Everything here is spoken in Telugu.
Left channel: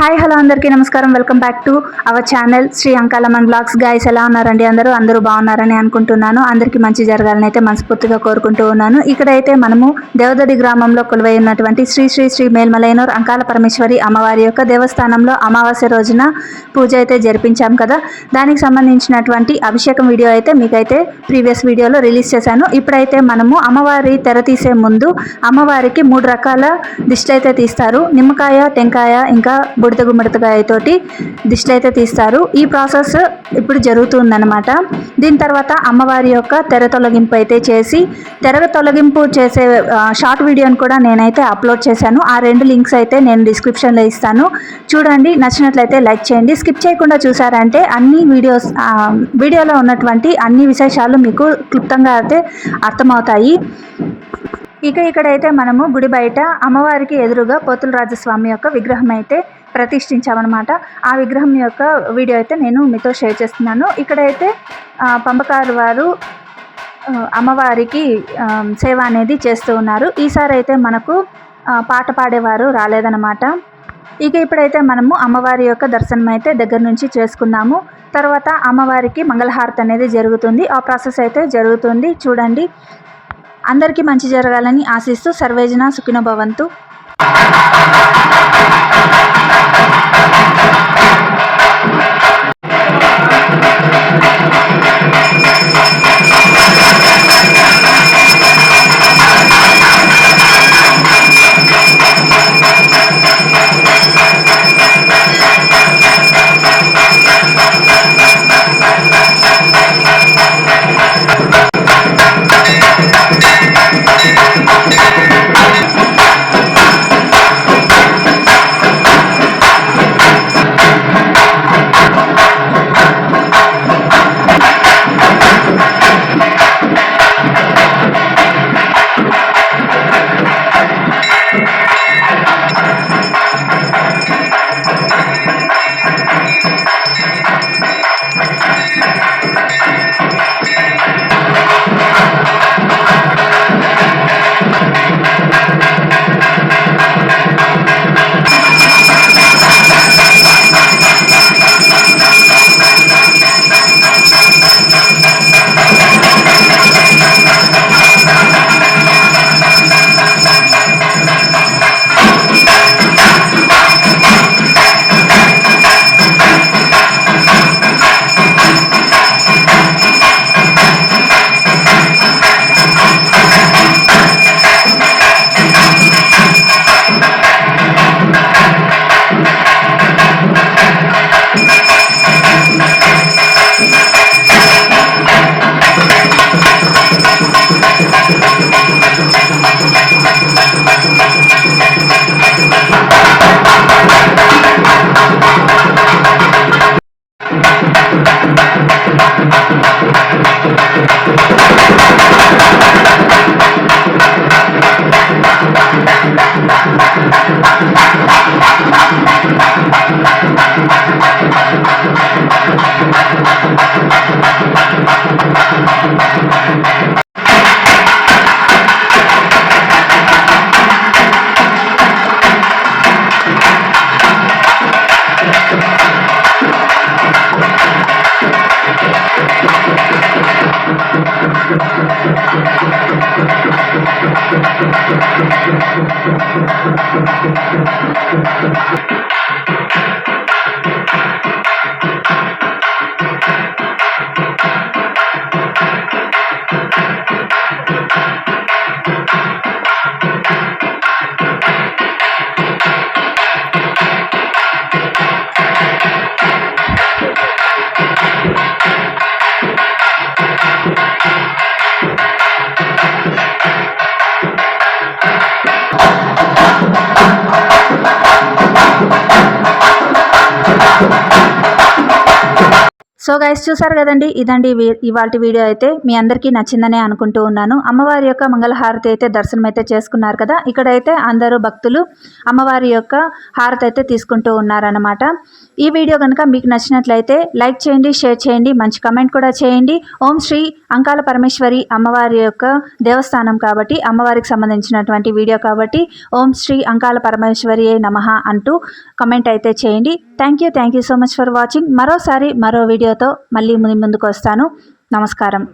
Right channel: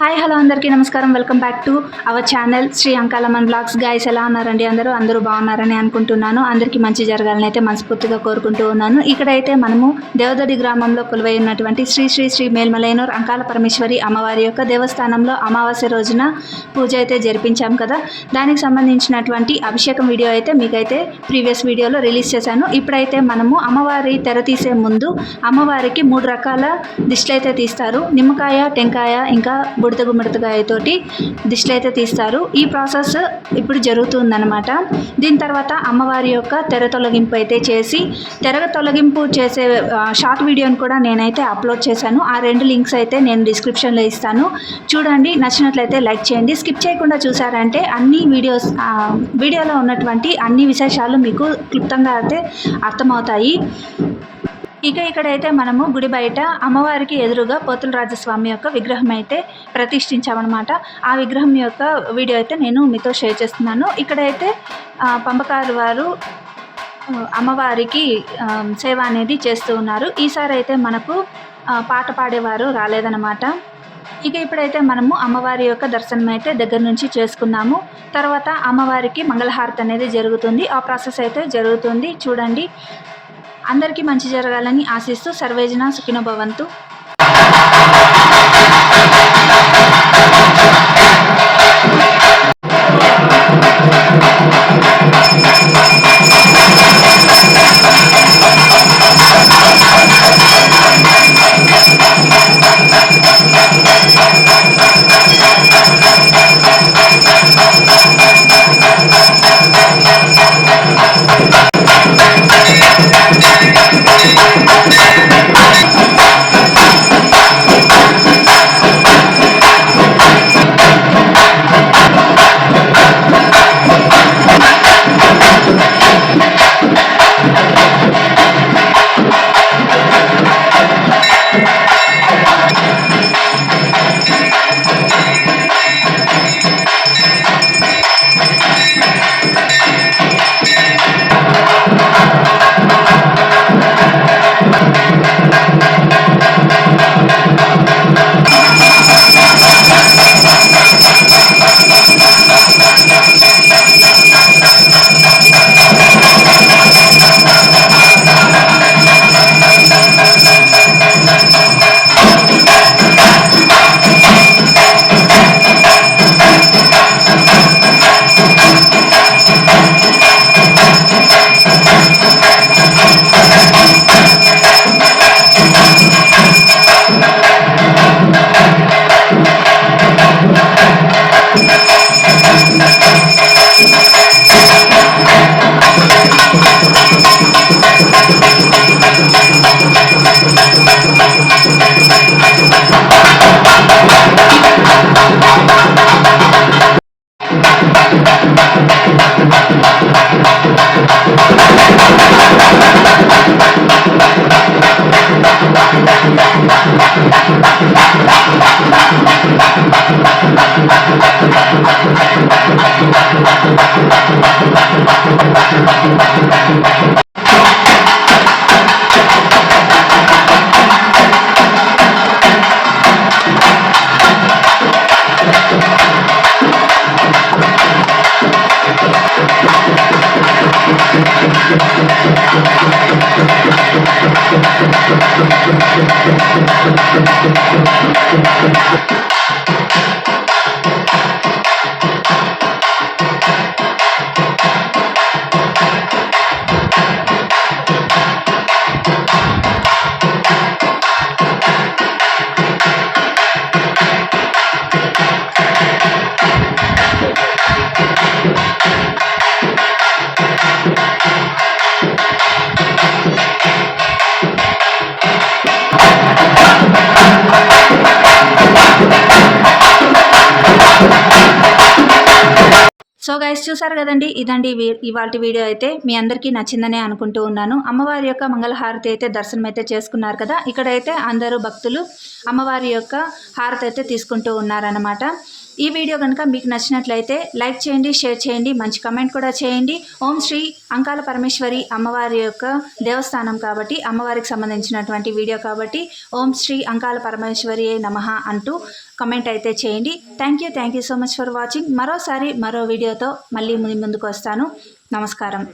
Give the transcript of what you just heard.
హాయ్ హలో అందరికీ నమస్కారం. Welcome back to our channel Sri Ankalamman blogs. Guys ఎలా ఉన్నారండి? అందరూ బాగున్నారని అనుకుంటున్నాను. అందరికీ మంచి జరగాలని అయితే మనస్ఫూర్తిగా కోరుకుంటూ ఉన్నాను. ఇక్కడైతే మనము దేవదడి గ్రామంలో కొలువై ఉన్నటువంటి శ్రీ శ్రీ శ్రీ మేల్మలైనూర్ అంకాల పరమేశ్వరి అమ్మవారి యొక్క దేవస్థానంలో అమావాస్య రోజున పూజ అయితే జరిపించాం కదా. దానికి సంబంధించినటువంటి అభిషేకం వీడియో అయితే మీకైతే ప్రీవియస్ వీడియోలో రిలీజ్ చేశాను. ఇప్పుడైతే మనము అమ్మవారి తెర తీసే ముందు అమ్మవారికి 3 రకాల దిష్టిలు అయితే తీస్తారు. నిమ్మకాయ, టెంకాయ, ఇంకా బుడత గుమ్మడికాయతోటి దిష్టిలు అయితే తీస్తారు. ఈ ప్రాసెస్ ఇప్పుడు జరుగుతుందన్నమాట. దీని తర్వాత అమ్మవారి యొక్క తెర తొలగింపు అయితే చేసి, తెర తొలగింపు చేసే షార్ట్ వీడియోని కూడా నేనైతే అప్లోడ్ చేశాను. ఆ 2 లింక్స్ అయితే నేను డిస్క్రిప్షన్లో ఇస్తాను, చూడండి. నచ్చినట్లయితే లైక్ చేయండి. స్కిప్ చేయకుండా చూసారంటే అన్ని వీడియోలో ఉన్నటువంటి అన్ని విశేషాలు మీకు క్లుప్తంగా అయితే అర్థమవుతాయి. ఇక్కడైతే మనము గుడి బయట అమ్మవారికి ఎదురుగా పోతుల రాజస్వామి యొక్క విగ్రహం అయితే ప్రతిష్ఠించామన్నమాట. ఆ విగ్రహం యొక్క వీడియో అయితే నేను మీతో షేర్ చేస్తున్నాను. ఇక్కడైతే పంపకారు వారు అమ్మవారికి సేవ అనేది చేస్తూ ఉన్నారు. ఈసారి అయితే మనకు పాట పాడేవారు రాలేదన్నమాట. ఇప్పుడైతే మనము అమ్మవారి యొక్క దర్శనం అయితే దగ్గర నుంచి చేసుకున్నాము. తర్వాత అమ్మవారికి మంగళహారతి అనేది జరుగుతుంది. ఆ ప్రాసెస్ అయితే జరుగుతుంది, చూడండి. అందరికీ మంచి జరగాలని ఆశిస్తూ సర్వేజన సుఖినో భవంతు. సో గైస్, చూసారు కదండి, ఇదండి ఇవాల్టి వీడియో అయితే. మీ అందరికీ నచ్చిందనే అనుకుంటూ ఉన్నాను. అమ్మవారి యొక్క మంగళహారతి అయితే దర్శనం అయితే చేసుకున్నారు కదా. ఇక్కడైతే అందరూ భక్తులు అమ్మవారి యొక్క హారతి అయితే తీసుకుంటూ ఉన్నారన్నమాట. ఈ వీడియో కనుక మీకు నచ్చినట్లయితే లైక్ చేయండి, షేర్ చేయండి, మంచి కమెంట్ కూడా చేయండి. ఓం శ్రీ అంకాల పరమేశ్వరి అమ్మవారి యొక్క దేవస్థానం కాబట్టి, అమ్మవారికి సంబంధించినటువంటి వీడియో కాబట్టి ఓం శ్రీ అంకాల పరమేశ్వరి నమః అంటూ కమెంట్ అయితే చేయండి. Thank you so much for watching. మరోసారి మరో వీడియోతో మళ్ళీ ముందుకు వస్తాను. నమస్కారం.